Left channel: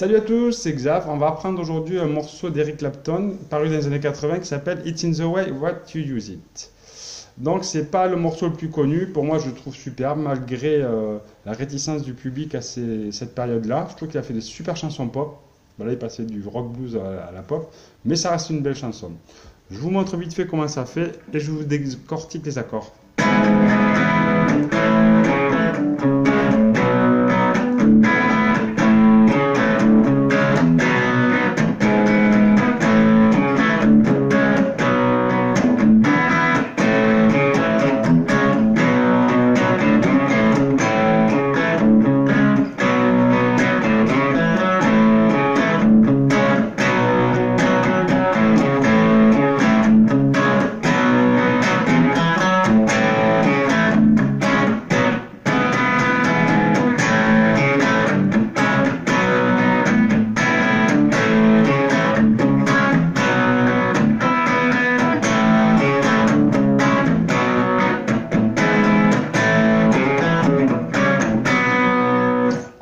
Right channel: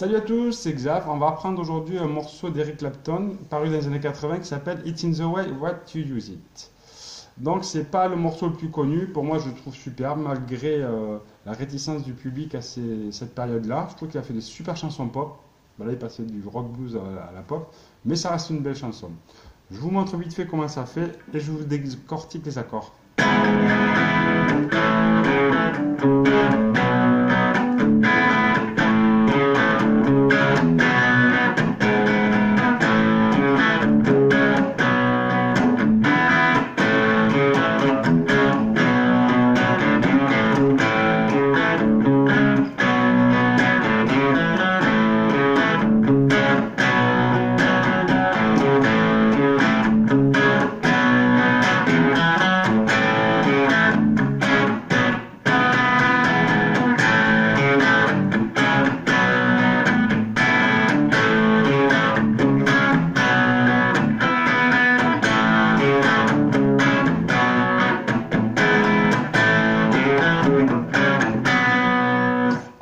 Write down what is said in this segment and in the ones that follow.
Salut à tous, c'est Xav. On va apprendre aujourd'hui un morceau d'Eric Clapton paru dans les années 80 qui s'appelle It's in the way what you use it. Donc c'est pas le morceau le plus connu, pour moi je le trouve super malgré la réticence du public à cette période-là. Je trouve qu'il a fait des super chansons pop. Ben là il passait du rock blues à la pop, mais ça reste une belle chanson. Je vous montre vite fait comment ça fait et je vous décortique les accords.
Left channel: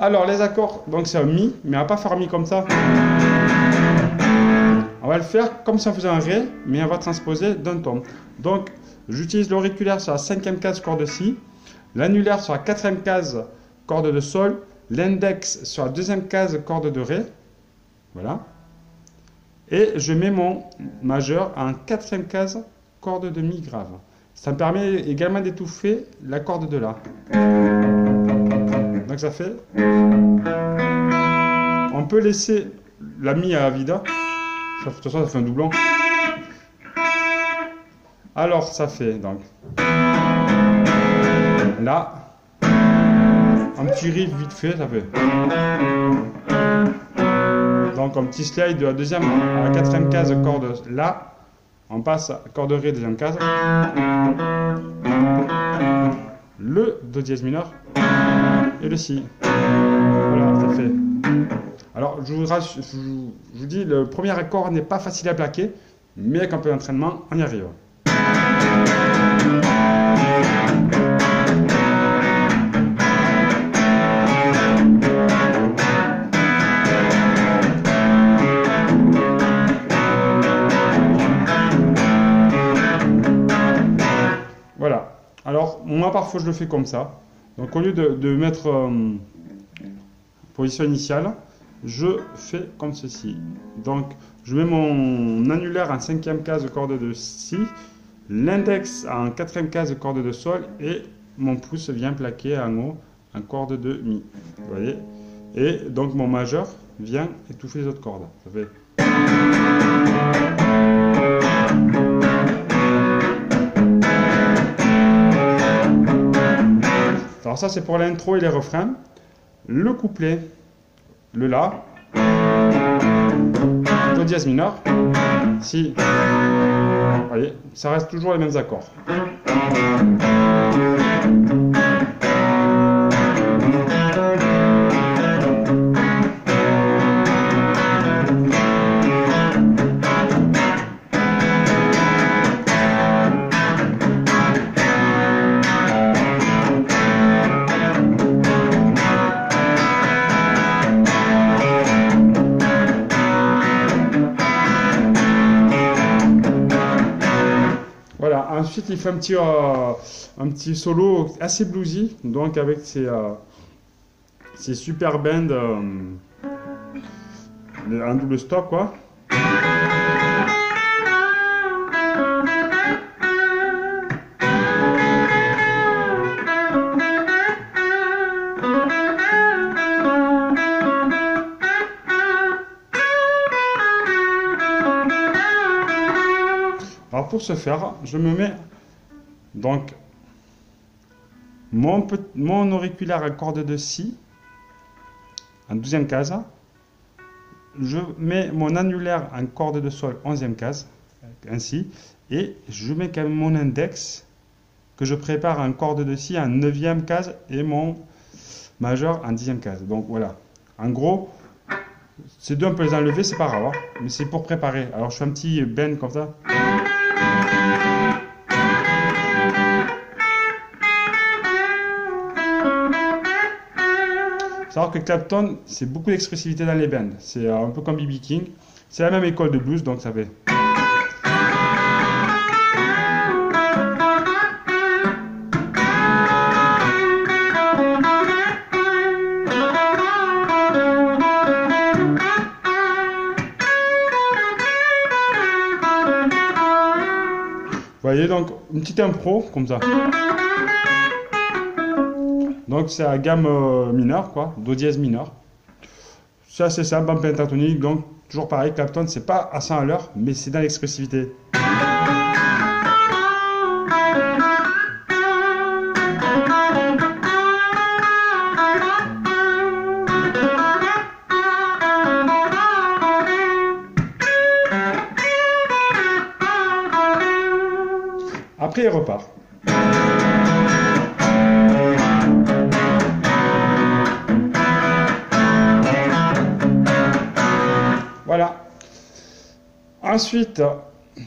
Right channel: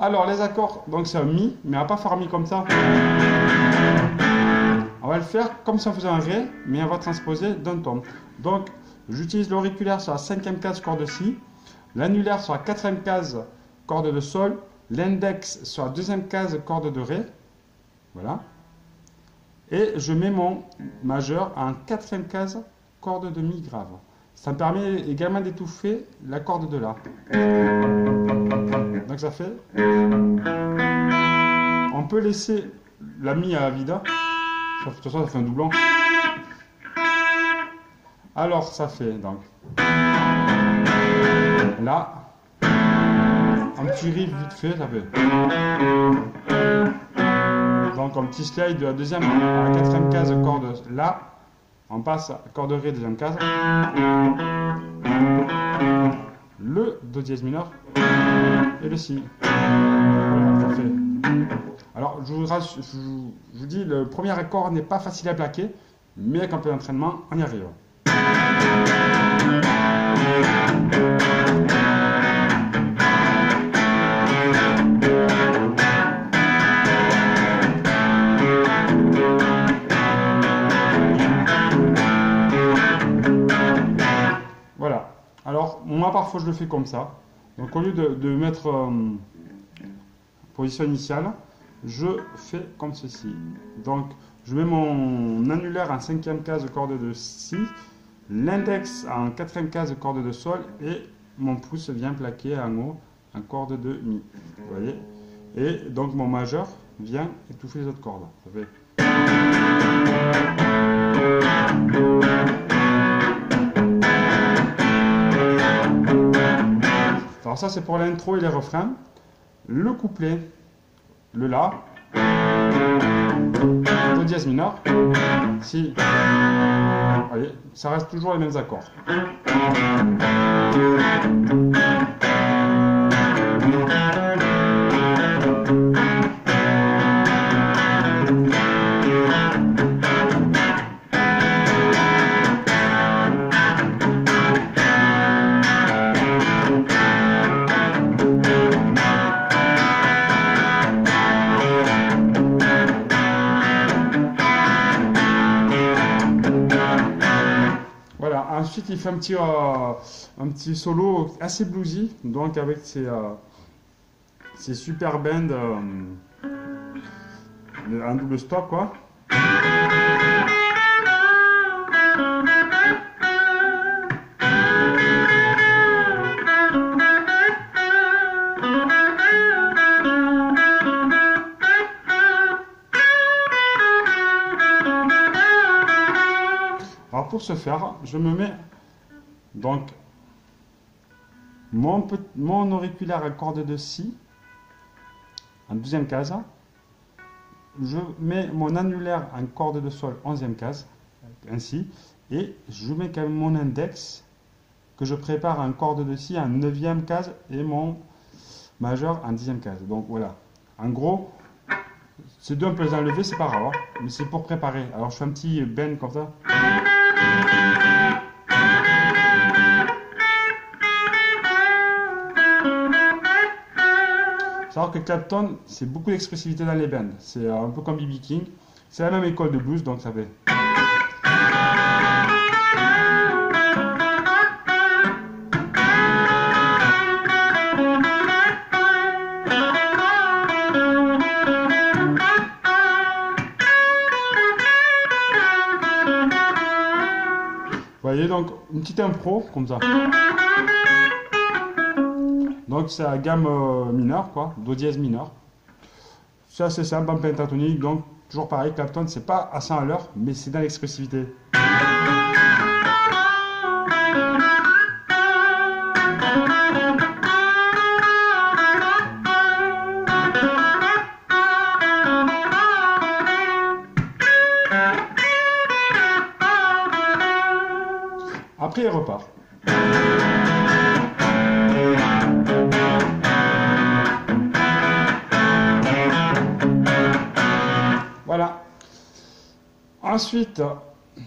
Alors les accords, donc c'est un mi, mais on va pas faire un mi comme ça. On va le faire comme si on faisait un ré, mais on va transposer d'un ton. Donc j'utilise l'auriculaire sur la 5e case corde de si, l'annulaire sur la 4e case corde de sol, l'index sur la 2e case corde de ré. Voilà. Et je mets mon majeur en 4e case corde de mi grave. Ça me permet également d'étouffer la corde de la. Donc ça fait... On peut laisser la mi à vida. De toute façon, ça fait un doublon. Alors, ça fait donc... Là. Un petit riff vite fait, ça fait... Donc, un petit slide de la 2e à la 4e case corde la. On passe à corde ré, 2e case. Le do dièse mineur. Et le si. Voilà, ça fait. Alors, je vous dis, le premier accord n'est pas facile à plaquer, mais avec un peu d'entraînement, on y arrive. Voilà. Alors, moi, parfois, je le fais comme ça. Donc au lieu de mettre position initiale, je fais comme ceci. Donc je mets mon annulaire en 5e case corde de si, l'index en 4e case corde de sol et mon pouce vient plaquer en haut en corde de mi. Vous voyez? Et donc mon majeur vient étouffer les autres cordes. Ça fait... Alors ça c'est pour l'intro et les refrains. Le couplet, le la, do dièse mineur, si. Vous voyez, ça reste toujours les mêmes accords. Voilà, ensuite il fait un petit solo assez bluesy, donc avec ses super bends en double stop quoi. Alors pour ce faire, je me mets donc mon auriculaire à corde de si en 12e case. Je mets mon annulaire en corde de sol 11e case, ainsi, et je mets quand même mon index que je prépare en corde de si en 9e case et mon majeur en 10e case. Donc voilà, en gros, ces deux on peut les enlever, c'est pas grave, hein, mais c'est pour préparer. Alors je fais un petit bend comme ça. savoir que Clapton, c'est beaucoup d'expressivité dans les bends. C'est un peu comme B.B. King. C'est la même école de blues, donc ça fait. Vous voyez, donc une petite impro comme ça. Donc c'est la gamme mineure, quoi, do dièse mineur. C'est assez simple en pentatonique, donc toujours pareil, Clapton, c'est pas à 100 à l'heure, mais c'est dans l'expressivité. Après, il repart. Voilà. Ensuite,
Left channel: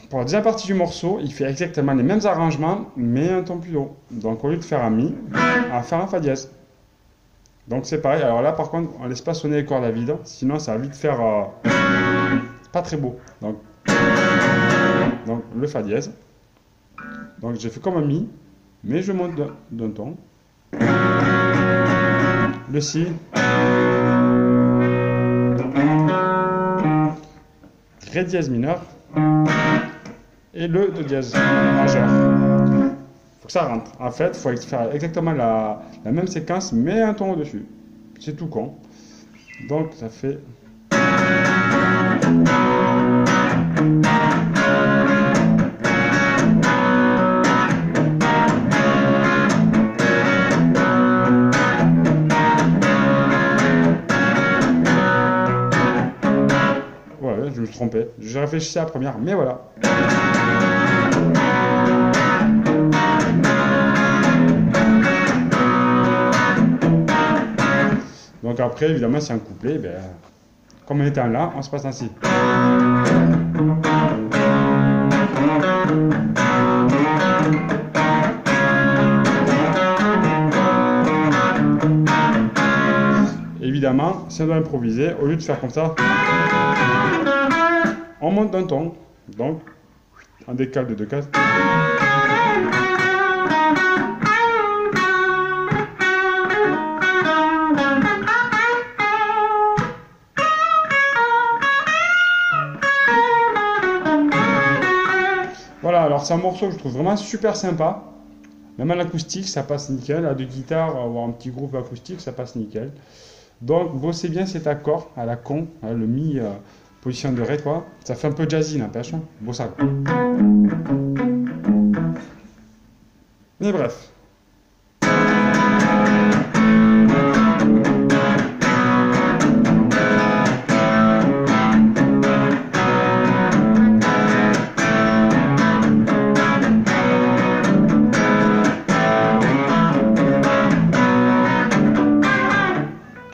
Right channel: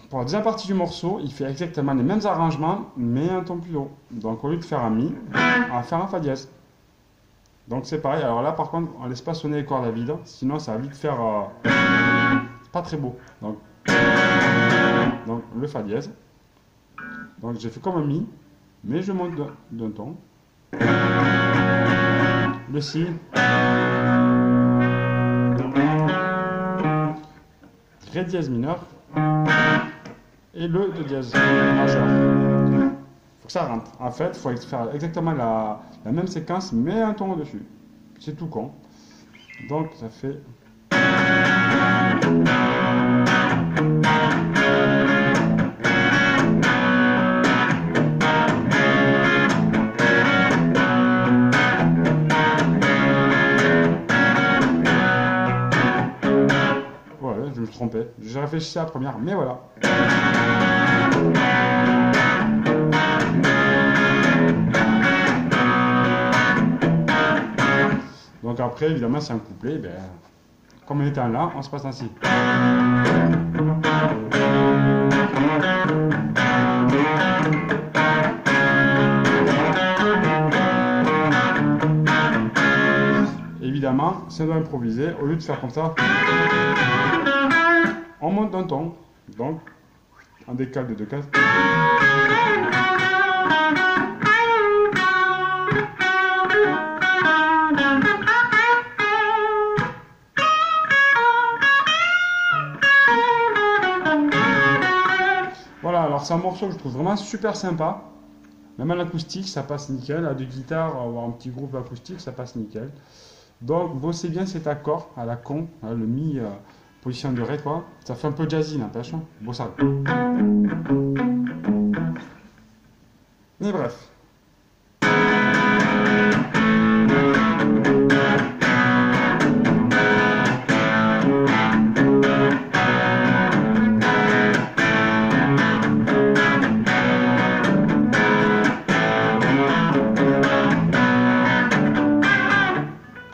pour la deuxième partie du morceau, il fait exactement les mêmes arrangements, mais un ton plus haut. Donc, au lieu de faire un Mi, on va faire un Fa dièse. Donc, c'est pareil. Alors là, par contre, on ne laisse pas sonner les cordes à vide, sinon ça va vite faire pas très beau. Donc, le Fa dièse. Donc j'ai fait comme un Mi, mais je monte d'un ton. Le Si. Ré dièse mineur. Et le Do dièse majeur. Il faut que ça rentre. En fait, il faut faire exactement la même séquence, mais un ton au-dessus. C'est tout con. Donc ça fait... Je me suis trompé. Je réfléchissais à la première, mais voilà. Donc après, évidemment, c'est un couplet. Ben, comme on était en La, on se passe ainsi. Évidemment, si on doit improviser, au lieu de faire comme ça, on monte d'un ton, donc on décale de 2 cases. Voilà, alors c'est un morceau que je trouve vraiment super sympa. Même à l'acoustique, ça passe nickel. À deux guitares ou un petit groupe acoustique, ça passe nickel. Donc, bossez bien cet accord à la con, hein, le Mi. Position de Ré, quoi. Ça fait un peu jazzy, n'empêche. Bon, ça. Mais bref.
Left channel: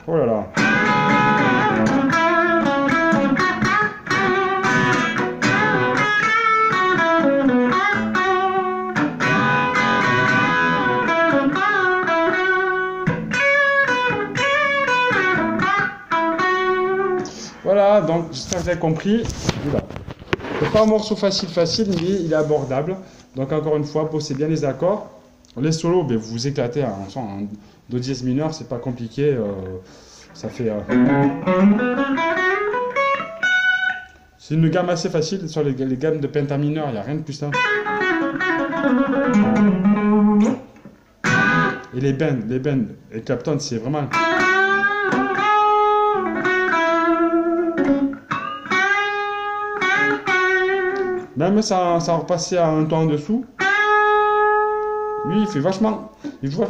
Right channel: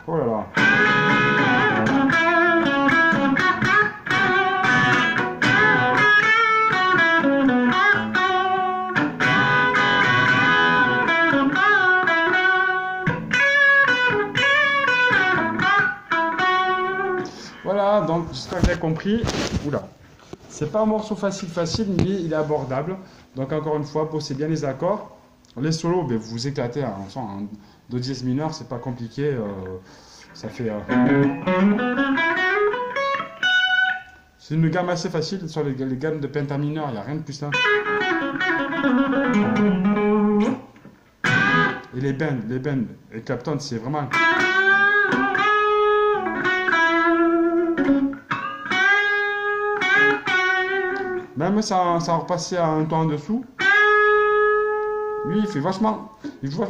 Oh là là. Voilà, donc j'espère que vous avez compris. Oula. C'est pas un morceau facile, mais il est abordable. Donc encore une fois, bossez bien les accords. Les solos, ben, vous vous éclatez en Do dièse mineur, c'est pas compliqué. Ça fait. C'est une gamme assez facile sur les gammes de penta mineur, il n'y a rien de plus simple. Et les bends, et Clapton, c'est vraiment. Même ça repassait à un ton en dessous. Lui, il joue vachement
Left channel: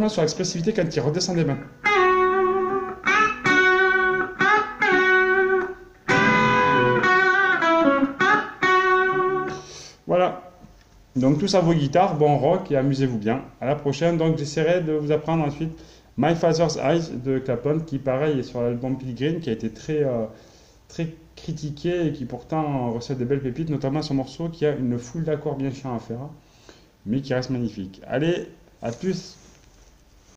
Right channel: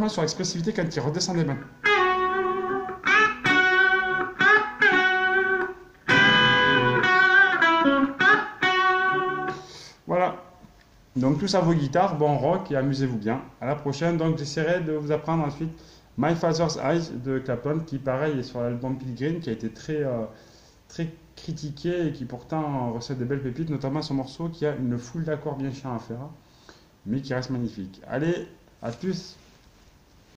sur l'expressivité quand il redescend des mains. Voilà. Donc tout ça vos guitares, bon rock et amusez-vous bien. À la prochaine. Donc j'essaierai de vous apprendre ensuite My Father's Eyes de Clapton, qui pareil est sur l'album Pilgrim, qui a été très critiqué et qui pourtant recèle des belles pépites, notamment ce morceau qui a une foule d'accords bien chiants à faire, mais qui reste magnifique. Allez, à plus!